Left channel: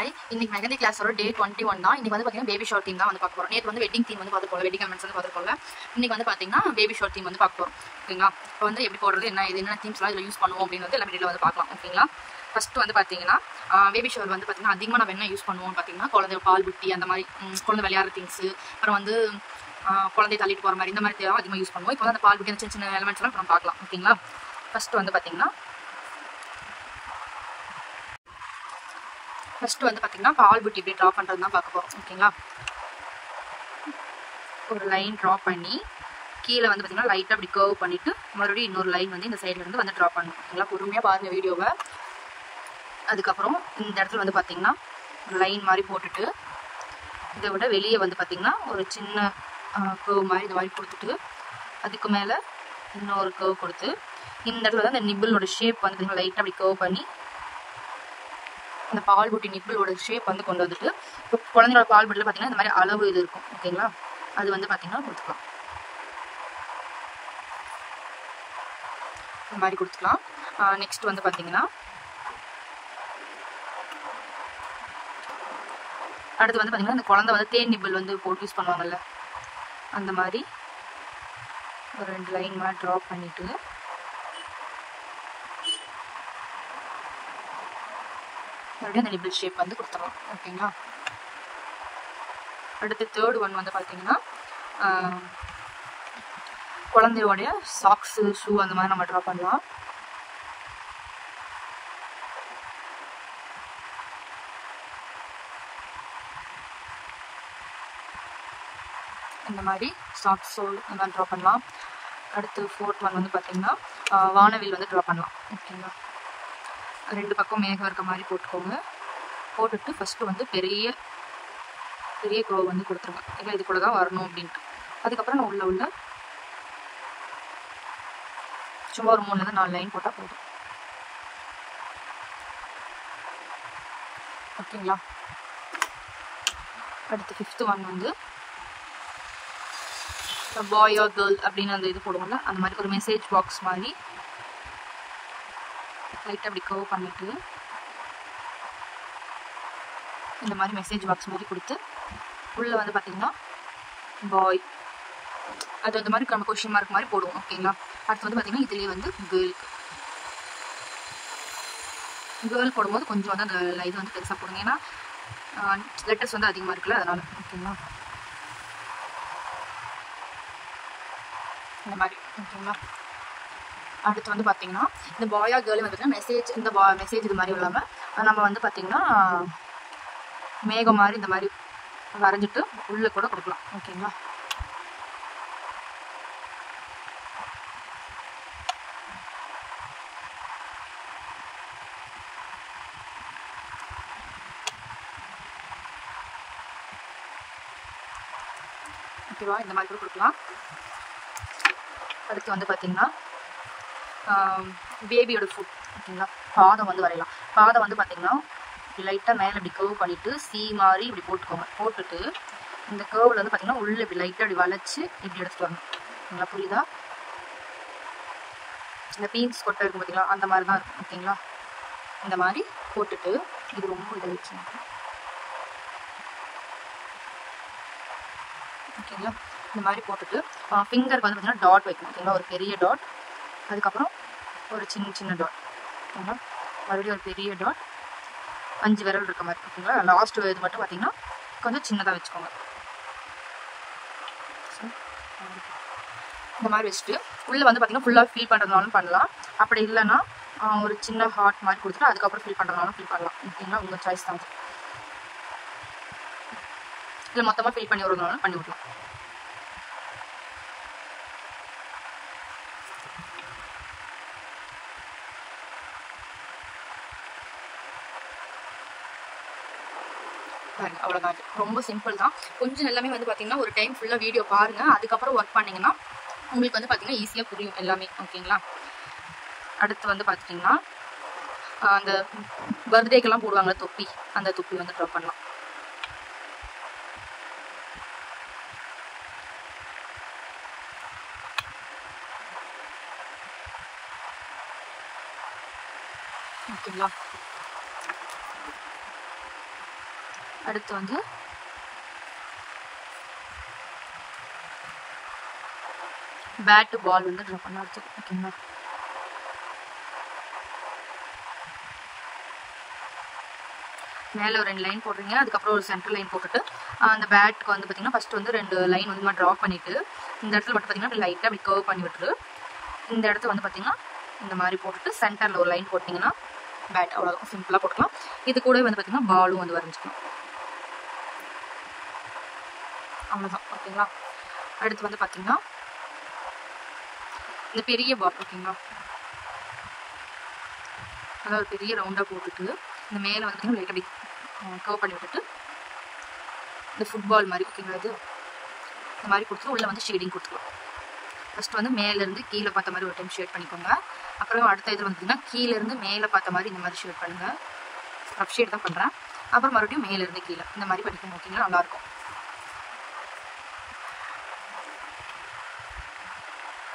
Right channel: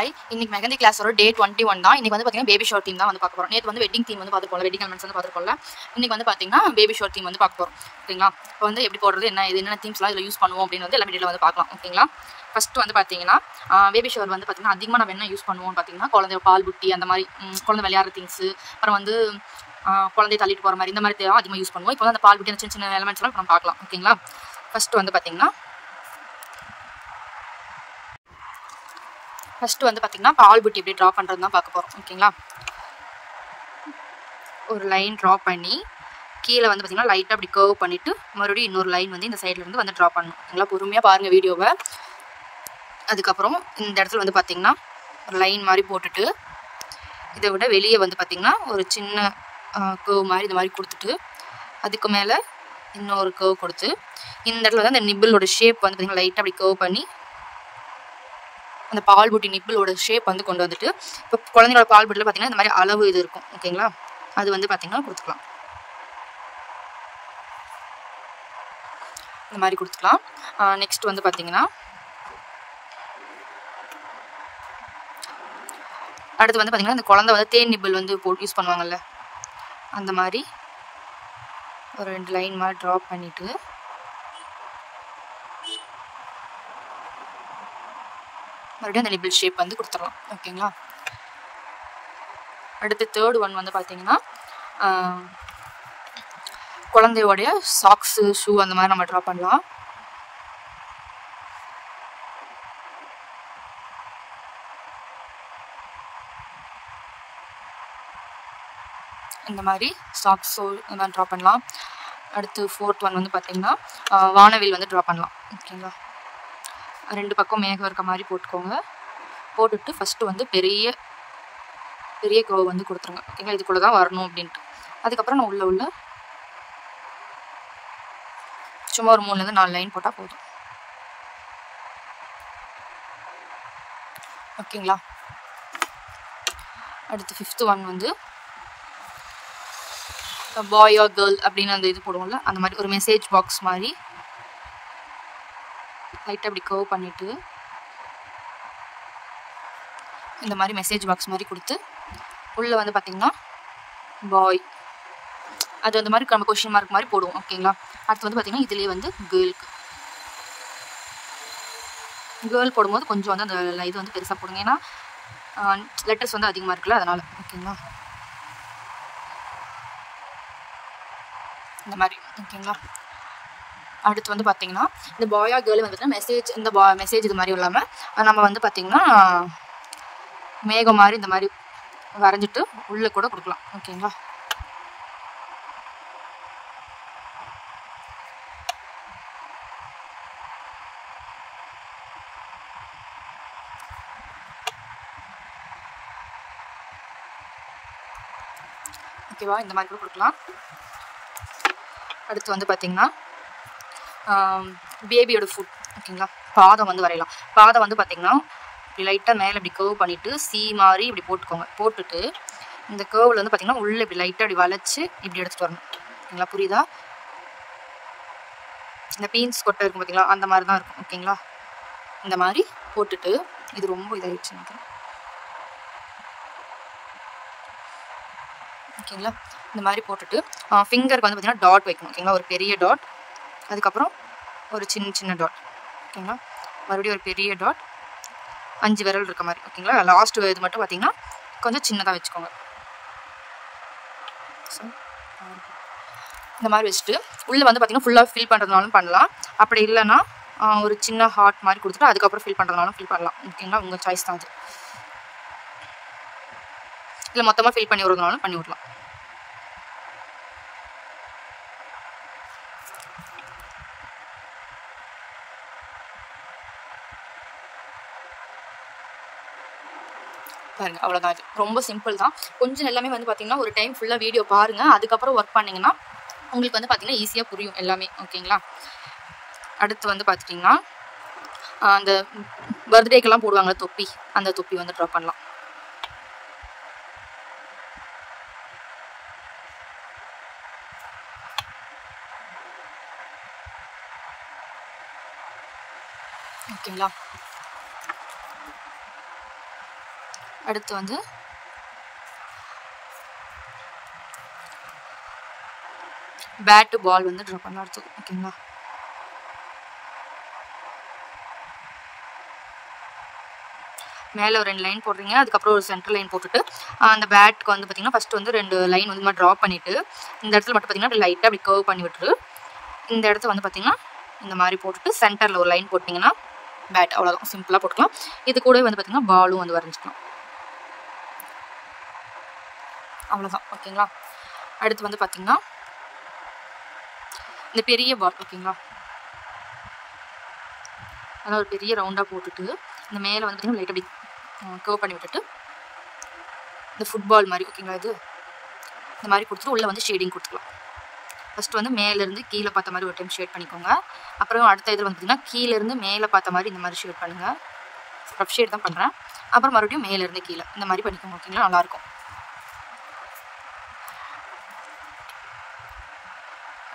Hi, இன்னைக்கு மெஹந்தி கிளாஸோட டே 21 தான். இன்னைக்கு வந்து பார்த்தீங்கன்னா பேபி ஷவர் தீம் தான் வந்து பார்க்க போகிறோம். நேற்று வந்து வெட்டிங் தீம் வந்து பார்த்துருப்போம், வெட்டிங் எலமெண்ட்ஸ் வந்து பார்த்துருப்போம்ல. இன்னைக்கு வந்து பார்த்தீங்கன்னா பேபி ஷவர் தீம் வந்து பார்க்க போகிறோம். ஓகேங்களா? இப்போ வந்து எப்படி போடுறது, என்னென்ன தீம்ஸ்லாம் இதில் யூஸ் பண்ணுவோம் அப்படின்னு வந்து எல்லா வீடியோவில் வந்து பார்க்கலாம். ஓகேங்களா? ஃபஸ்ட்டு வந்து பார்த்தீங்கன்னா பேபி ஷவர் வந்து பார்த்தீங்கன்னா அதிகமாக நம்ம என்ன யூஸ் பண்ணுவோம் பார்த்தீங்கன்னா குழந்தை பால் புட்டி அந்த மாதிரி குழந்தை விளையாடுற திங்ஸு, அப்புறம் வந்து குழந்தைய தள்ளிட்டு போகிற மாதிரி இந்த மாதிரி தேவை அதிகமாக யூஸ் பண்ணுவோம். இப்போ வந்து அந்த பால் புட்டி அந்த சின்ன சின்ன எலமெண்ட்ஸ்லாம் நம்ம பார்க்கலாம். ஓகேங்களா? ஃபஸ்ட்டு வந்து பார்த்தீங்கன்னா பால் புட்டி எப்படி ட்ரா பண்ணுறது தான் பார்க்க போகிறோம். ஓகேங்களா? ஒரு லைன் ட்ரா பண்ணி கீழே வந்து பார்த்திங்கன்னா லைட்டாக அப்படி கர்வ் பண்ணிவிட்டு மறுபடியும் இன்னொரு லைன் வந்து இந்த சைட்லேருந்து வந்து ட்ரா பண்ணணும். ஓகேங்களா? பொறுமையாக பாருங்கள் வீடியோவை. அதுக்கப்புறம் இந்த இடத்துல வந்து பார்த்திங்கன்னா ஒரு லைன் மாதிரி போட்டுட்டு இதை விட வெளியே வந்து பார்த்திங்கன்னா ஒரு சின்ன கர்வ் மாதிரி இது மாதிரி கொடுத்துட்டு அதுக்கு மேலே இன்னொரு கர்வ் கொடுத்து இந்த இடத்துல வந்து அந்த நிப்பிளோட ஷேப் வந்து பார்த்திங்கன்னா லைட்டாக அப்படி கர்வ் பண்ணி அந்த பால் புட்டி நிப்பிளோட ஷேப் வந்து கொண்டு வந்துட்டு இப்போ குழந்தைங்களோட பால் புட்டியில் பார்த்திங்கன்னா இந்த மாதிரி அளவு இது இருக்கும். ஓகேங்களா? அது வந்து பார்த்திங்கன்னா கொடுத்துக்கலாம். இந்த மாதிரி கொடுத்துக்கலாம். நெக்ஸ்ட் வந்து பார்த்திங்கன்னா அடுத்து வந்து பார்த்திங்கன்னா இந்த குழந்தை வந்து தேன் நிப்பிள் வந்து போட்டு யூஸ் பண்ணுவாங்கல்ல, அந்த மாதிரி ஒரு 2 லைன் மாதிரி ட்ரா பண்ணிவிட்டு மறுபடியும் அந்த நிப்பிள் ஷேப் வந்து கொடுத்துடலாம். ஓகேங்களா? அடுத்து தேர்ட் ஒன் வந்து பார்த்திங்கன்னா குழந்தையோடைய சாக்ஸு ஷூ அந்த மாதிரி நம்ம ட்ரா பண்ணலாம். இந்த மாதிரி சாக்ஸ் சோல் இந்த மாதிரி ட்ரா பண்ணலாம். அடுத்து ஃபோர்த் ஒன் வந்து பார்த்திங்கன்னா வானவில் வந்து ட்ரா பண்ணலாம். ஓகேங்களா? 2 பக்கம் மேகம் இருக்க மாதிரி போட்டுக்கோங்க. போட்டுட்டு ஃபஸ்ட்டு வந்து பெரிய கர்வ் வந்து கொடுத்துருங்க. ஓகேங்களா? இதுக்குள்ளே தான் வரணும் அப்படின்ட்டு. அதுக்கப்புறம் நான் உள்ள சும்மா ஒரு 3லேருந்து 4 லைன் போட்டால் போதும். ஓகேங்களா? அடுத்து 5th ஒன் வந்து பாய் ஆர் கேர்ள் அப்படின்னு அந்த இது போடுவோம்ல, அந்த மாதிரி ஒரு மெசேஜ் பாக்ஸ் மாதிரி லைட்டாக அப்படி கர்வ் பண்ணிவிட்டு இந்த மாதிரி மெசேஜ் பாக்ஸ் மாதிரி கொடுத்து உள்ளே வந்து பார்த்திங்கன்னா பாய் அது அந்த மாதிரி நம்ம கொஷின் மார்க் மாதிரி போடுவோம். ஓகேங்களா? அடுத்து வந்து பார்த்திங்கன்னா இதுலேயே வந்து கேர்ள் போடும்போது கொஞ்சம் வந்து அந்த இது வந்து பெருசாக போடுங்க, ஏன்னா லெட்டர்ஸ் வந்து அதிகமாக இருக்குல்ல, அதனால். ஓகேங்களா? இந்த மாதிரி. ஓகேங்களா? அடுத்து வந்து பார்த்திங்கன்னா இந்த பாயா கேர்ள் வந்துட்டு மெசேஜ் இது மாதிரி இல்லாமல் நம்ம வந்து பார்த்திங்கன்னா மேகம் மாதிரி இந்த மாதிரி வரைஞ்சிட்டு உள்ளே கூட கொடுக்கலாம். ஓகேங்களா? ஓகேவா? இந்த மாதிரி கூட கொடுக்கலாம். அடுத்து வந்து பார்த்திங்கன்னா பேபியோட ஃபுட். ஓகேங்களா? பாதம் வந்து வரையலாம். பாதம் வந்து பார்த்திங்கன்னா இப்படி லைட்டாக மேலே இப்படி கர்வ் பண்ணிவிட்டு சி மாதிரி இப்படி போட்டுக்கோங்க. போட்டுட்டு இந்த கர்வில் வந்து பார்த்திங்கன்னா உள்ளே இப்படி லைட்டாக இப்படி வளைச்சி இப்படி எடுத்துகிட்டு வரணும். ஓகேங்களா? புரியுதா? இந்த பீன்ஸ் கொட்டை இருக்கும் பார்த்திங்களா, அந்த மாதிரி தான் இருக்கும். ஓகேங்களா? இந்த மாதிரி போட்டுட்டு இது ரொம்ப இதாகிடுச்சு. ஓகேங்களா? இந்த மாதிரி போட்டுட்டு ஃபிங்கருக்கு வந்து பார்த்திங்கன்னா டாட் வைக்கணும். ஓகேங்களா? ஒரு பெரிய டாட், அதுக்கப்புறம் ஒரு சின்ன டாட். ஓகேங்களா? மறுபடியும் ஒரு பெரிய டாட், 5 விரல் இருக்க மாதிரி. ஓகேங்களா? லாஸ்ட் இது மட்டும் பார்த்திங்கன்னா கொஞ்சம் சின்னதாக வச்சுக்கோங்க. ஸோ இந்த மாதிரி வச்சுட்டு உள்ளே வந்து பார்த்திங்கன்னா ஃபுல்லாக ஃபில் பண்ணுறதுனாலும் பண்ணலாம். அப்படி இல்லைன்னா ஒரு சின்ன ஹார்ட் மாதிரி கொடுத்துட்டு அதுக்கப்புறம் ஃபில் பண்ணுறதுனாலும் ஃபில் பண்ணலாம். ஓகேங்களா? உங்கள் சாய்ஸ் தான் அது. இல்லை மொத்தமாக ஃபில் பண்ணி விடுறதுனாலும் பண்ணி விடலாம். பாருங்க, அவ்வளோதான். இது ரொம்ப சிம்பிள் தான். கொஞ்சம் எல்லாமே வந்து பார்த்திங்கன்னா ஒரு டைம் ஃபுல்லாக வீடியோ பாருங்கள், அதுக்கப்புறம் ஒர்க் பண்ணிங்கன்னா உங்களுக்கு வந்து பார்த்திங்கன்னா ஈஸியாக புரியும் எல்லாமே. ஓகேங்களா? அடுத்து வந்து பார்த்திங்கன்னா அந்த பர்த்டேக்கெல்லாம் போடுவாங்க தொப்பி, அந்த தொப்பி வந்து ட்ரா பண்ணலாம். ஓகேங்களா? அடுத்து வந்து பேட்டு பால் வந்து ட்ரா பண்ணலாம் அடுத்து. ஓகேங்களா, மேலே ஒரு 2 லைன் போடுறீங்க. அதுக்கப்புறம் ஒரு சென்டர் லைன் போட்டுட்டு அந்த பேட்டுக்கு வந்து பார்த்தீங்கன்னா ஃபஸ்ட்டு வந்து 2 லைன் வந்து ட்ரா பண்ணிவிட்டு இந்த இடத்துல மட்டும் பார்த்தீங்கன்னா லைட்டாக அப்படி கர்வ் பண்ணி விட்டுரு. இந்த இடத்த வந்து பார்த்தீங்கன்னா இந்த மாதிரி போட்டுட்டு சென்டரில் ஒரு லைன் போட்டிங்கன்னா பேட், அவ்வளோதான், சிம்பிளாக போட்டுக்கலாம். இது கூட வந்து பார்த்தீங்கன்னா பாலும் வந்து வரைஞ்சிக்கலாம், அவ்வளோதான். ஓகேங்களா, அடுத்து வந்து பார்த்தீங்கன்னா இந்த பெரிய பால். ஓகேங்களா, நல்லா ஒரு பெரிய ரவுண்டாக போட்டுட்டு இந்த மேலே வந்து பார்த்தீங்கன்னா லைட் அப்படி கர்வ் பண்ணி விட்டுட்டு இந்த ஃபுட்பால் மாதிரி. ஓகேங்களா, இது இந்த மாதிரி கொடுத்துட்டு உள்ளே வந்து ஷேடிங் கொடுத்துக்கலாம். ஃபஸ்ட்டு வந்து மேலேருந்து கீழே பார்த்த மாதிரி ஒரு டைம் ஷேட் பண்ணிக்கோங்க. அப்புறம் அடுத்த இதில் வந்து பார்த்தீங்கன்னா கீழேருந்து மேலே பார்த்த மாதிரி இந்த மாதிரி ஷேட் பண்ணுங்கள். ரஃப் ஷேட் தான் பண்ணுறேன். அப்புறம் மறுபடியும் மேலேருந்து கீழே இந்த மாதிரி பண்ணிக்கோங்க. ஓகேங்களா, நல்லாயிருக்கும்.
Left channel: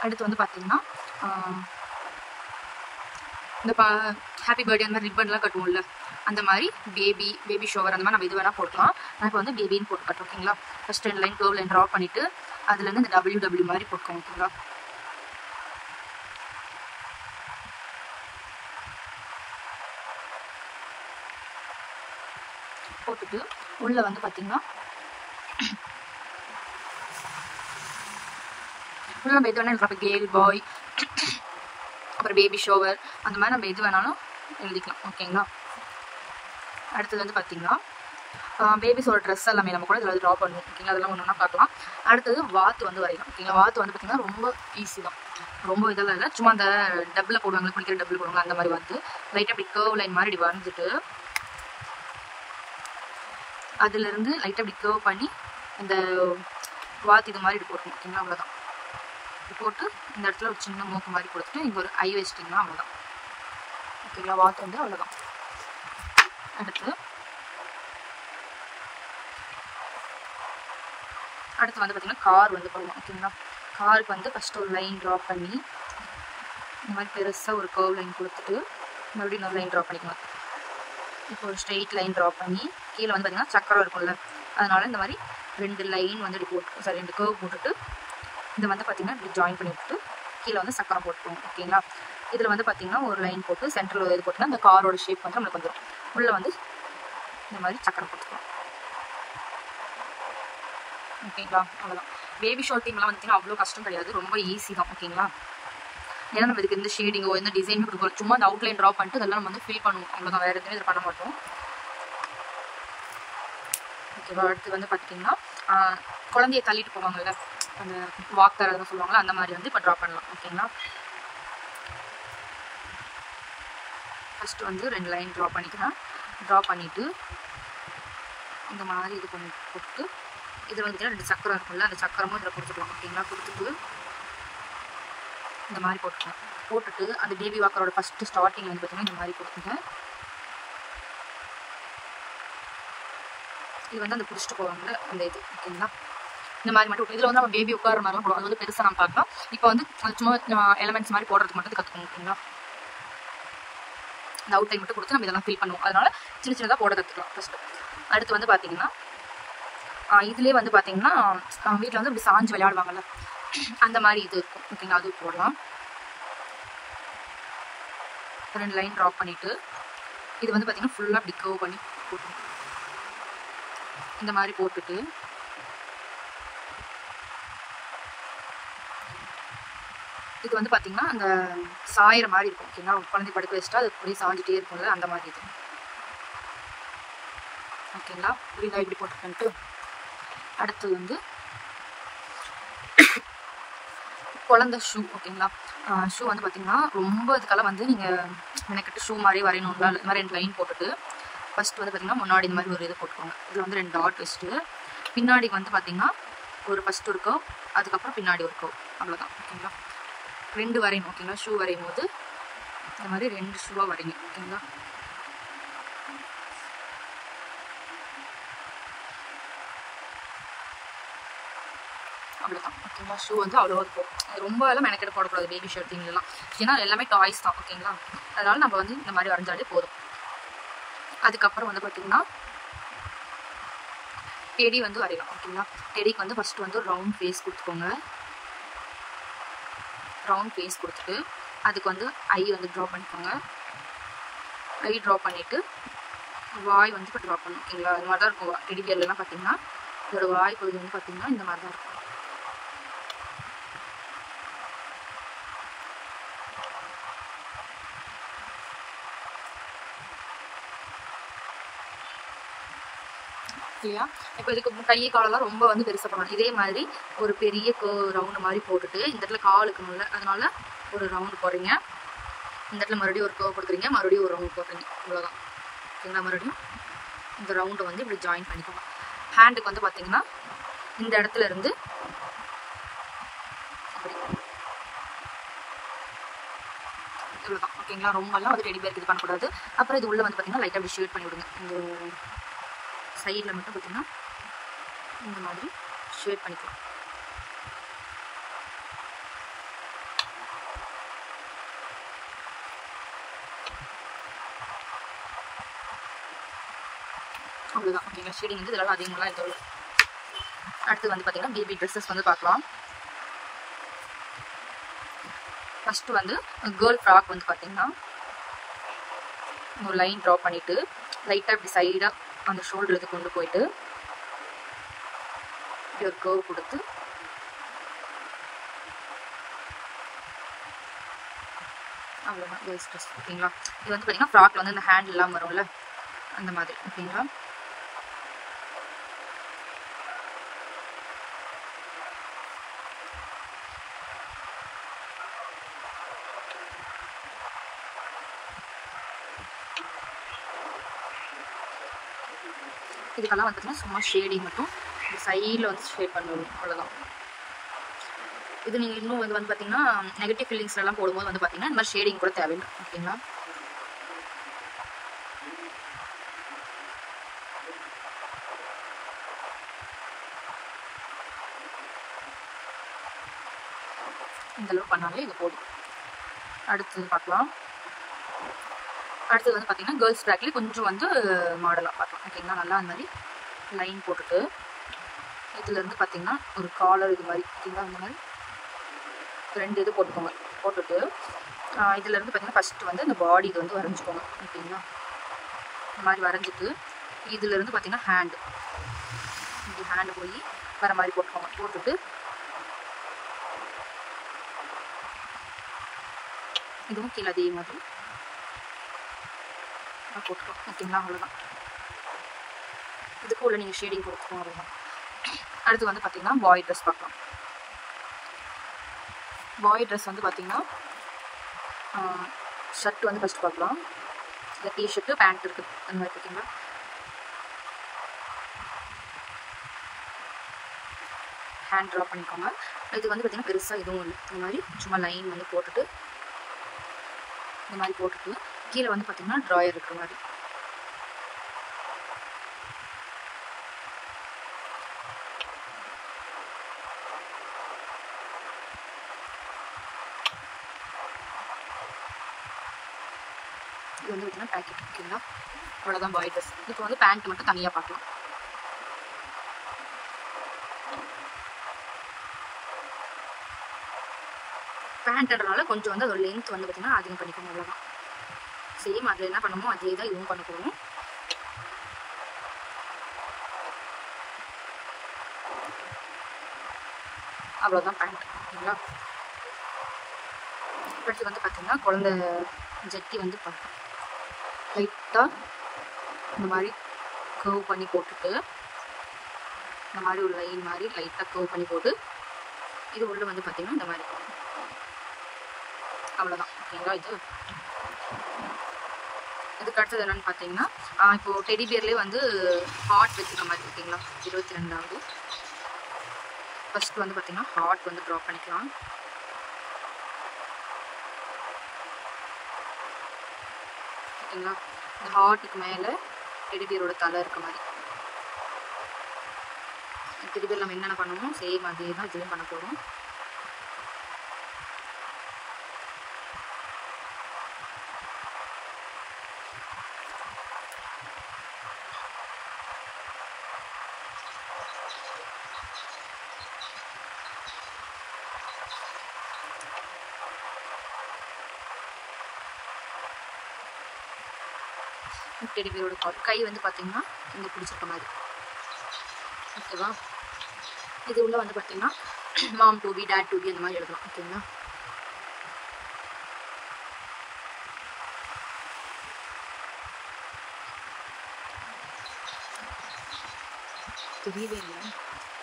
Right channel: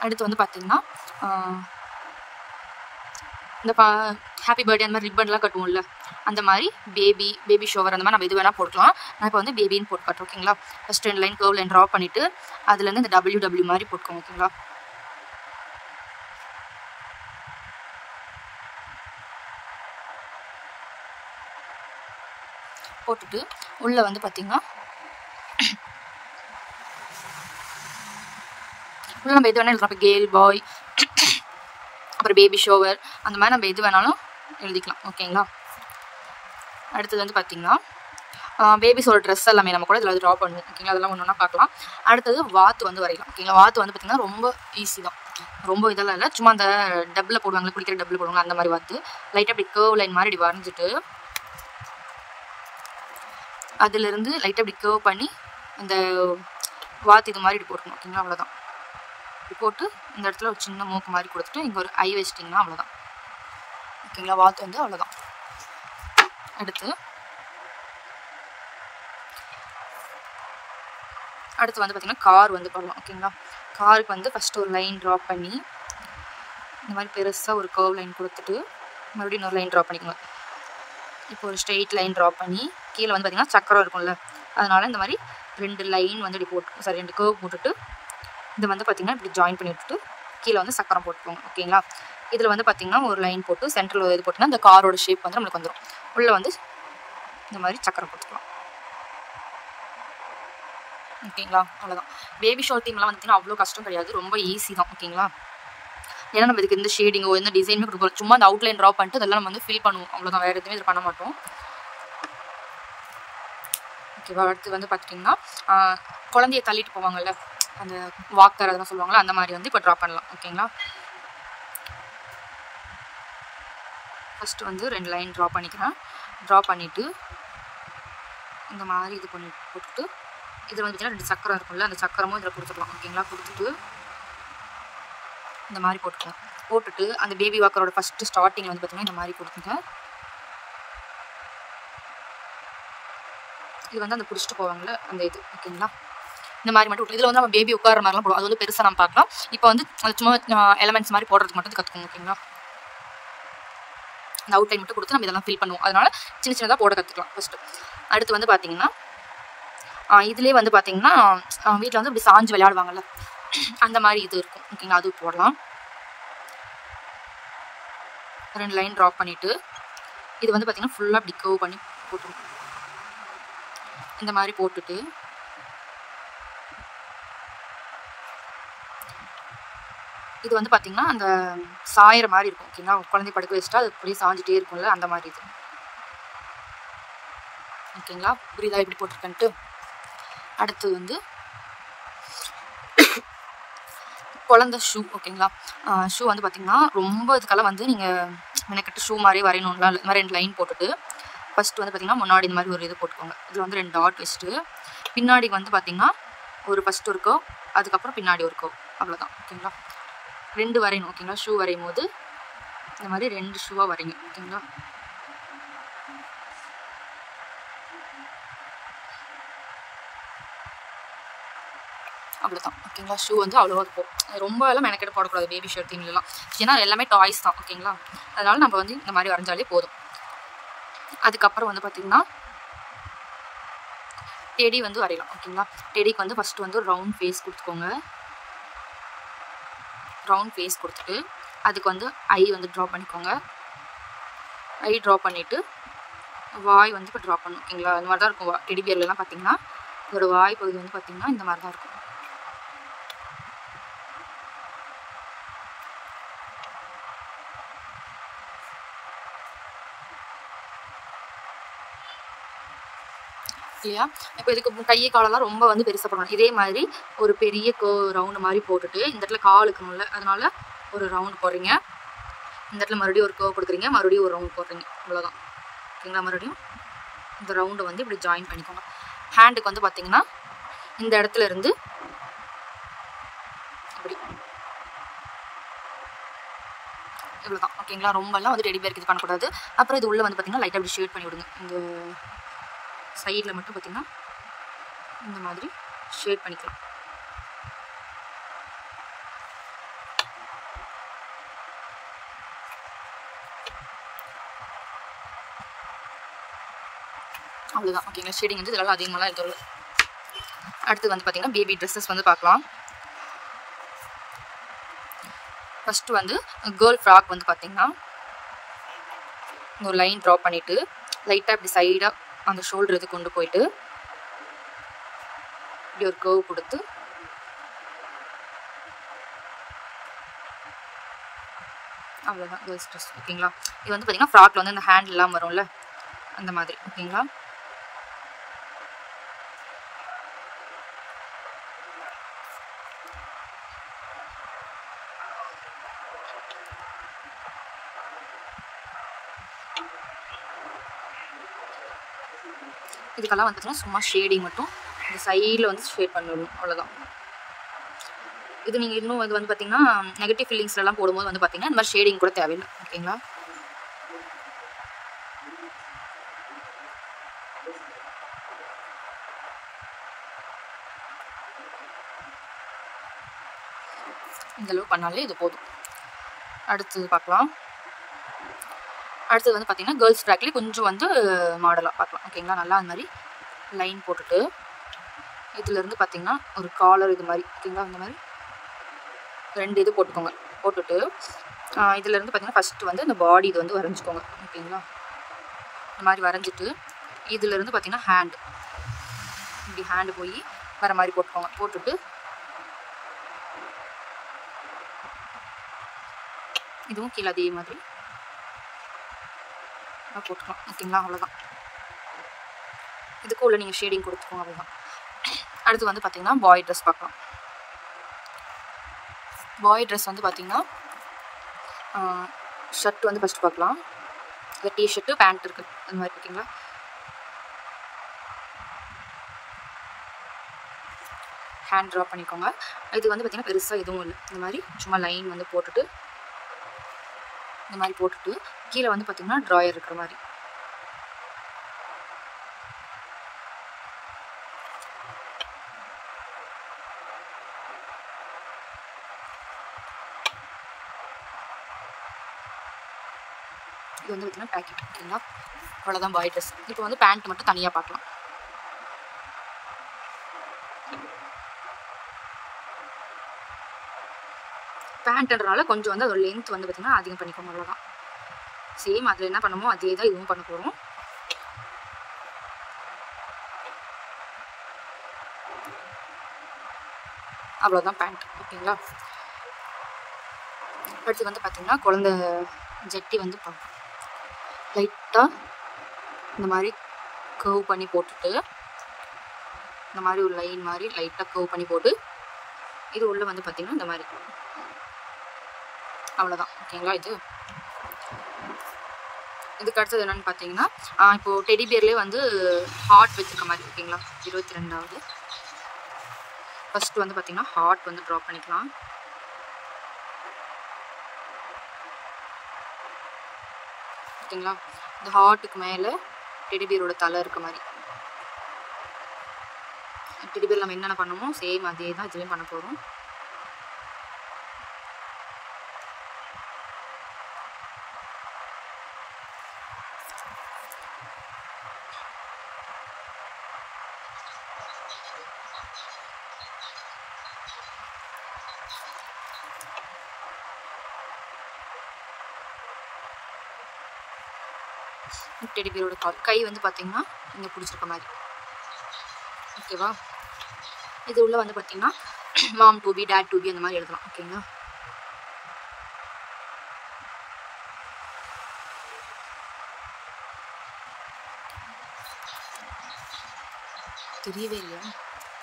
அடுத்து வந்து பார்த்தீங்கன்னா இந்த ஹாப்பி பர்த்டே அந்த மாதிரி ரிப்பன்லாம் கட்டுவோம்ல, அந்த மாதிரி பேபி ஷோவர் அந்த மாதிரி நம்ம எது வேணால் போட்டுக்கலாம். நான் இப்போ வந்து பேபின்னு போட்டு காட்டுறோம். ஓகேங்களா, first 2 line curve line draw பண்ணிவிட்டு அதுலேருந்து இந்த WW மாதிரி போட்டுக்கோங்க. ஓகேங்களா, போட்டுட்டு உள்ளே வந்து பார்த்தீங்கன்னா உள்ள நம்ம எது வேணாலும் எழுதலாம். இப்போ கேர்ள் பாய், அப்புறம் பேபி ஷோவர், அந்த மாதிரி நம்ம எது வேணாலும் எழுதிக்கலாம். ஓகேங்களா, அடுத்தது வந்து பார்த்தீங்கன்னா பேபிஸோட ட்ரெஸ் எல்லாமே நம்ம கூட இதில் ட்ரா பண்ணணும். ஓகேங்களா, அதெல்லாம் ஒன்று ஒன்றா பார்க்கலாம். அடுத்தது வாத்து வந்து வரையலாம். ஓகேங்களா, வாத்து வந்து பார்த்திங்கன்னா ரொம்ப ஈஸி தான், ரொம்ப இதெல்லாம் இல்லை. சும்மா அந்த டப்பில் போடுவாங்க, குடிக்கிற டப்பில் போடுவாங்க, அந்த மாதிரி வாத்து லைட்டாக அப்படி கர்வ் லைன் மாதிரி இப்படி வரைஞ்சிட்டு அதுலேருந்து லைட்டாக அப்படி கர்வ் பண்ணி அந்த வாத்து இது மாதிரி இப்படி போட்டணும். ஓகேங்களா, அவ்வளோதான். இப்படி போட்டு இந்த இடத்துல ஒரு சின்ன மூக்கு மாதிரி கொடுத்துட்டு இங்கே ஒரு ஐ வச்சிட்டிங்கன்னா அவ்வளோதான். ஓகேங்களா, வாத்து வந்து அவ்வளோதான். அடுத்து வந்து பார்த்திங்கன்னா கார் வந்து போடலாம். ஓகேங்களா, காருக்கு வந்து ஃபஸ்ட்டு ஒரு லைன் ட்ரா பண்ணி இந்த மாதிரி பெருசாக ஒரு கர்வ் லைன் கொடுத்துட்டு மறுபடியும் இன்னொரு லைன் ட்ரா பண்ணிக்கணும். இப்போ ஒரு ஸ்ட்ரெயிட் லைன் ட்ரா பண்ணி கீழே வந்து பார்த்திங்கன்னா சக்கரம் இருக்கும்ல, அதனால் இந்த மாதிரி 2 லைன் வந்து இப்படி போட்டு 2 கர்வ் போட்டுட்டு இது வந்து பார்த்திங்கன்னா இப்படி ஜாயின் பண்ணி விட்டுட்டு கீழே வந்து சக்கரம் போட்டுருவோம். ஓகேங்களா, இதில் வந்து பார்த்திங்கன்னா ஒரு லைன் போட்டு சென்டரில் இது போட்டோன்னா இந்த காரோட ஷேப் வந்து நம்மளுக்கு வந்துடும். உள்ளே வந்து இந்த மாதிரி சக்கரம் போட்டுக்கலாம். ஓகேங்களா, அவ்வளோதான். பேபி ஷால் தீம்லாம் வந்துட்டுனா அவ்வளோ கஷ்டம் கிடையாது, ரொம்ப ஈஸி தான். ஓகேங்களா, ஏன்னா நம்ம இதுக்கு இந்த ஷேடிங்கோ இந்த டிசைனுமே கொடுப்போம். சும்மா அந்த அவுட்லைன் ட்ரா பண்ணிட்டு அதெல்லாம் நம்ம வந்து ஃபில் பண்ணுவோம், அவ்வளோதான். வேறு எதுவுமே இதில் பண்ண மாட்டோம். ஓகேவா, அடுத்து வந்து பார்த்துட்டிங்கன்னா குழந்தைய தள்ளிட்டு போவாங்கல்ல, அந்த வாக்கர் அதெல்லாம் சொல்லுவாங்கள்ல, அந்த மாதிரி வந்து இப்போ ட்ரா பண்ணலாம். ஓகேங்களா, ஃபஸ்ட்டு வந்து 2 லைன் ட்ரா பண்ணிக்கிறேன். ட்ரா பண்ணிவிட்டு இந்த மாதிரி இது பண்ணி போட்டுட்டு இதில் வந்து பார்த்தீங்கன்னா 2 சக்கரம் இருக்கும்ல, அந்த சக்கரமும் இதில் கொடுத்துக்கலாம். ஓகேங்களா, கொடுத்துட்டு இந்த மாதிரி போட்டுக்கலாம். போட்டுட்டு அந்த பேபி வாக்கரோட ஃபஸ்ட்டு ஸ்டார்டிங்கில் வந்து பார்த்தீங்கன்னா இந்த மாதிரி கொடுத்துங்க. இது வந்து அந்த பிடிச்சிட்டு போவாங்கள்ல இந்த இது. ஓகேங்களா, இந்த மாதிரி மட்டும் இதில் வந்து நம்ம பேபி உட்கார மாதிரிலாம் போடுவோம், அது வந்து பெருசாக நம்ம பார்க்கலாம். இப்போ வந்து அது சும்மா எலமெண்ட்ஸ் மாதிரி போடுறதுக்கு மட்டும் கற்றுக்கணும். ஓகேங்களா, இந்த அவுட்லைன் மட்டும் கொடுத்து நம்ம இதெல்லாம் ஃபில் பண்ணுவோம், அதனால் சின்ன சின்னதாக போட கற்றுக்கலாம் ஃபஸ்ட்டு. அடுத்து வந்து பார்த்திங்கன்னா இதுலேயே வந்து பார்த்திங்கன்னா வீட்டில் வந்து இப்படி சாஞ்சு விளையாடுவாங்கள்ல, அந்த மாதிரி இது இருக்கும். ஓகேங்களா, அது போடலாம். 2 லைன் ட்ரா பண்ணிவிட்டு இது வந்து பார்த்திங்கன்னா ஃபுல்லாக அப்படி கர்வ் பண்ணி போட்டுருவோம். இந்த மாதிரி போட்டுட்டு இது வந்து பார்த்திங்கன்னா அந்த சாயிற மாதிரி இருக்கும். ஓகேங்களா, குழந்தை படுக்க வச்சுட்டா அது அப்படியே சாஞ்சிட்டே இருக்கும்ல, அந்த மாதிரி இது. ஓகேங்களா, புரியுதா இப்படி போட்டிருக்கன்ட்டு. அடுத்து வந்து குழந்தை ஷூ. ஓகேங்களா, ஷூ வந்து பார்த்திங்கன்னா ரொம்ப இதுக்கெல்லாம் வந்து நீங்கள் மெனக்கிட்டு ஷூ மாதிரியே வரையணும்னா இந்த மாதிரி 2 லைன் போட்டுட்டு ஃபஸ்ட்டு வந்து பார்த்திங்கன்னா முன்னாடி இந்த மாதிரி ஒரு இது போட்டுக்கோங்க. இதில் வந்து 2 டாட் வச்சுட்டு பின்னாடி வந்து பார்த்திங்கன்னா ஃபஸ்ட்டு ஒரு கர்வ், அதுக்கப்புறம் பின்னாடி ஒரு கர்வ், அவ்வளோதான். ஓகேங்களா, 2 வரையணும். ஓகேங்களா, ஷூ வரையும் போது இந்த மாதிரி 2 ஷூவாக வரைங்க. ஓகேங்களா, அவ்வளோதான். ஓகேங்களா, ஷூ வந்து அவ்வளோவா இருக்கும், ரொம்ப எல்லாம் மெனக்கெட போடக்கூடாது பேபி ஷர்ட் தீம்லாம், ஏன்னா எல்லாமே டாய்ஸ் தான். ஓகேங்களா, அதனால் நம்ம வந்து இந்த மாதிரி வரைஞ்சாலே போதும். அதுக்கப்புறம் வந்து பார்த்திங்கன்னா டெடி வந்து வரையலாம். ஓகேங்களா? டெடிக்கு வந்து ஃபஸ்ட்டு வந்து ஒரு ரவுண்ட் ஃபேஸ் கொடுத்துக்கோங்க. ரவுண்ட் ஃபேஸ் கொடுத்துட்டு அதுக்கு வந்து ஐ வந்து ட்ரா பண்ணிக்கோங்க. ஐ ட்ரா பண்ணிவிட்டு வாய் வந்து இப்போ ட்ரா பண்ணணும். ஓகேங்களா? அந்த மாதிரி தான் இருக்கும். டெடி பியர்லாம் பார்த்தீங்கன்னா இதோட வாய் பகுதி வந்து பார்த்தீங்கன்னா இந்த மாதிரி தான் இருக்கும். இல்லையா? இப்போ இதுக்கு கையை காலெல்லாம் ரொம்ப வந்து பெருசாக போடணும். இதே மாதிரி ஒரு பெரிய ரவுண்டு மாதிரி போட்டுட்டு இந்த இடத்துல கால் இருக்கணும்ல, அதனால ஒரு ரவுண்டு போடுறீங்க. இந்த இடத்துல மறுபடியும் ஒரு கர்வ் கொடுக்குறீங்க, மறுபடியும் ஒரு ரவுண்ட் போடுறீங்க. அவ்வளோதான். ஓகேங்களா? மறுபடியும் இந்த ரவுண்டை வந்து இப்படி ஜாயின் பண்ணிக்கோங்க. ஹேண்டுக்கு வந்து பார்த்தீங்கன்னா இந்த இடத்துல இருந்து இப்படி இவ்வளோதான். ஓகேங்களா? ரொம்பலாம் வந்து டெடி பேருக்கு இது பண்ணக்கூடாது. அப்புறம் இது உள்ளே வந்து பார்த்தீங்கன்னா லைட்டாக இப்படி ஷேட் பண்ணி விடுங்க. இந்த சைடில் மட்டும் பார்த்தீங்கன்னா இந்த மாதிரி ஷேட் பண்ணிக்கலாம். அவ்வளோதான். ஓகேங்களா? ஷேடிங் வந்து இதெல்லாம் அதிகமாக இது. அடுத்து வந்து பார்த்தீங்கன்னா பேபி ட்ரெஸ்ஸஸ் வந்து பார்க்கலாம். ஃபஸ்ட்டு வந்து கேர்ள் ஃப்ராக் வந்து பார்த்தீங்கன்னா ஒரு லைன் ட்ரா பண்ணிவிட்டு லைட்டாக இப்படி சைடாக அந்த ஷோல்டர் இது கொண்டு போயிட்டு இப்படி ஒரு கர்வ் கொடுத்து அவ்வளோதான் கேர்ள்ஸ் ட்ரெஸ். ஓகேங்களா? இது வந்து பார்த்தீங்கன்னா ஃப்ராக்ல வந்து அந்த ஹேண்ட் எல்லாம் வரும்ல அந்த மாதிரி. ஓகேங்களா? இதுக்கெல்லாம் வந்து பார்த்தீங்கன்னா சும்மா ஷேடிங் மட்டும் இந்த சைடில் வந்து ஷேட் பண்ணிடணும். அவ்வளோதான். இது நீங்கள் இன்னும் இது வந்து பார்த்தீங்கன்னா நெகட்டிவ் ஃபீலிங்ஸ்லாம் போடும்போது வந்து பார்த்தீங்கன்னா இந்த மாதிரி ஷேடிங் கூட தேவையில்லை. ஓகேங்களா? இந்தளவுக்கு பண்ணாலே இது போதும். அடுத்தது பார்க்கலாம். அடுத்தது வந்து பார்த்தீங்கன்னா கேர்ள்ஸ் ஃப்ராக்லேயே கொஞ்சம் வந்து மாடலாக பார்க்கலாம். ஓகேங்களா? நல்லா அந்த மாதிரி லைன் போட்டுட்டு இதுலேருந்து பார்த்தீங்கன்னா ஒரு காலர் இது மாதிரி. ஓகேங்களா? அந்த மாதிரி 2 இது போட்டுக்கோங்க. போட்டுட்டு இதுலேருந்து பார்த்தீங்கன்னா ஃபஸ்ட்டு வந்து இந்த பாடி இது வந்து வரைஞ்சிக்கோங்க. ஓகேங்களா? இந்த மாதிரி வரைஞ்சிட்டு இதுலேருந்து பார்த்தீங்கன்னா ஹேண்டு இப்படி ஹேண்டு போய் வர மாதிரி போட்டுக்கோங்க. போட்டுட்டு இதுவும் கீழே அதே மாதிரி போட்டுக்கலாம். ஓகேங்களா? அவ்வளோதான். இதுக்கு உள்ள நீங்கள் ஷேடிங் கொடுத்துக்கோங்க. அவ்வளோதான். அடுத்து வந்து பார்த்தீங்கன்னா பாய் ட்ரெஸ் பார்க்கலாம். பாய் ட்ரெஸ் வந்து பார்த்தீங்கன்னா ஷர்ட் வந்து ஃபஸ்ட்டு பார்க்கலாம். இது டிஷர்ட்டு பேண்ட் இருக்குது அந்த மாதிரி. ஓகேங்களா? ஹேண்ட் ட்ரா பண்ணிக்கோங்க. இது வந்து பார்த்தீங்கன்னா பெருசாக எதுவும் இல்லை. இந்த மாதிரி சும்மா லைன் வந்து போட்டுட்டு இந்த மாதிரி போட்டுட்டு கீழே வந்து பார்த்தீங்கன்னா ட்ராயர் இருக்கிற மாதிரி. இது வந்து பார்த்தீங்கன்னா பேக்கெட். ஓகேங்களா? அவ்வளோதான் பாய் ட்ரெஸ். இப்போ வந்து பேண்ட் மட்டும் தனியாக பார்க்கலாம். பேண்ட்ன்றனால கொஞ்சம் வந்து அதோட லென்த் வந்து பார்த்தீங்கன்னா அதிகம் பண்ணிக்கணும். அவ்வளோதான். சேம் அதில் என்ன பண்ணுமோ அதே தான் இதுவும் பண்ண போகிறோம். அவ்வளோதான் பேண்ட். ஓகேங்களா? அடுத்து வந்து பார்த்தீங்கன்னா குழந்தை ஜட்டி வந்து பார்க்கலாம். லைட்டாக இந்த மாதிரி கர்வ் பண்ணி போட்டுட்டு இந்த மாதிரி ஒரு லைன் மாதிரி லைட்டாக கர்வ் பண்ணி போட்டு இது உள்ளே வந்து பார்த்தீங்கன்னா இந்த மாதிரி. அவ்வளோதான். ஓகேங்களா? இதுக்கு அடுத்தது என்னென்னு பார்த்தீங்கன்னா இப்போது டெடி பியர்லேயே வந்து ஹார்ட் வச்சுருக்க மாதிரி. ஓகேங்களா? 22வது ஃபஸ்ட்டு வந்து பார்த்தீங்கன்னா ஹார்ட் வந்து ட்ரா பண்ணிக்கலாம். ஓகேங்களா? இந்த ஹார்ட்டுக்கு மேலே டெடி பியரோட தலை இருக்க மாதிரி. டெடி பியர் நம்ம என்னென்ன பண்ணணுமோ சேம் அதே தான் இதுவும் பண்ண போகிறோம். டெடி பியரோட கால். கை வந்து பார்த்தீங்கன்னா இங்கே பிடிச்சிருக்க மாதிரி. ஓகேவா? இது உள்ள வந்து பார்த்தீங்கன்னா மாம் டூபி, டேட் டூபி அந்த மாதிரி எழுதலாம். ஓகேங்களா? தெரியவே இல்லையா?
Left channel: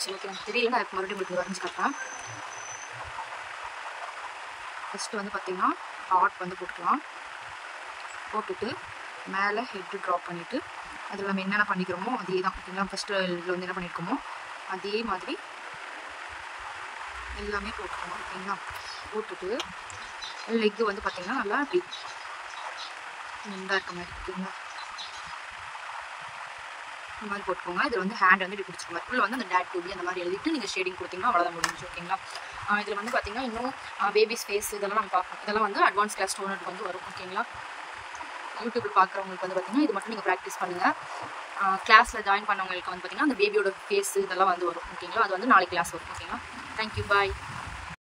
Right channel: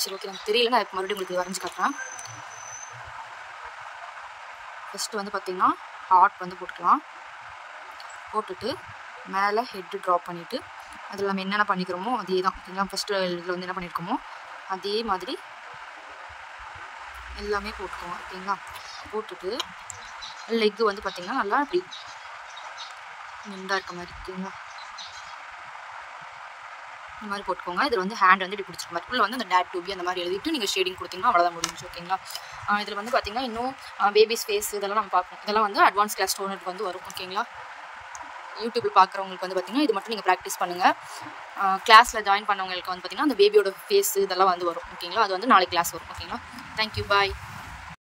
சரி, ஓகே. எனக்கு தெரியல, நான் மறுபடியும் உங்களுக்கு வரைஞ்சி காட்டுறேன். ஃபஸ்ட்டு வந்து பார்த்தீங்கன்னா ஹார்ட் வந்து போட்டுக்கலாம். போட்டுட்டு மேலே ஹெட்டு ட்ரா பண்ணிவிட்டு அதில் நம்ம என்னென்ன பண்ணிக்கிறோமோ அதே தான். ஓகேங்களா? ஃபஸ்ட்டு இதில் வந்து என்ன பண்ணியிருக்கோமோ அதே மாதிரி எல்லாமே போட்டுக்கலாம். ஓகேங்களா? போட்டுட்டு லெக்கு வந்து பார்த்திங்கன்னா நல்லா இப்படி முண்டாக இருக்க மாதிரி. ஓகேங்களா? இந்த மாதிரி போட்டுக்கோங்க. இதில் வந்து ஹேண்ட் வந்து இப்படி பிடிச்சிருக்க மாதிரி. இதில் வந்து அந்த டேட் டூபி அந்த மாதிரி எழுதிட்டு நீங்கள் ஷேடிங் கொடுத்தீங்கன்னா அவ்வளோதான் முடிஞ்சு. ஓகேங்களா? இதில் வந்து பார்த்திங்கன்னா இன்னும் பேபிஸ் ஃபேஸ் இதெல்லாம் நம்ம பார்க்கணும். இதெல்லாம் வந்து அட்வான்ஸ் கிளாஸ் ஸ்டூடெண்ட்டுக்கு வந்து வரும். ஓகேங்களா? யூடியூப்பில் பார்க்குறவங்களுக்கு வந்து பார்த்திங்கன்னா இது மட்டும் நீங்கள் ப்ராக்டிஸ் பண்ணுங்கள். கிளாஸில் ஜாயின் பண்ணவங்களுக்கு வந்து பார்த்திங்கன்னா அந்த பேபியோட ஃபேஸ் இதெல்லாம் வந்து வரும். ஓகேங்களா? அது வந்து நாளைக்கு கிளாஸ் வரும். ஓகேங்களா? தேங்க்யூ, பாய்.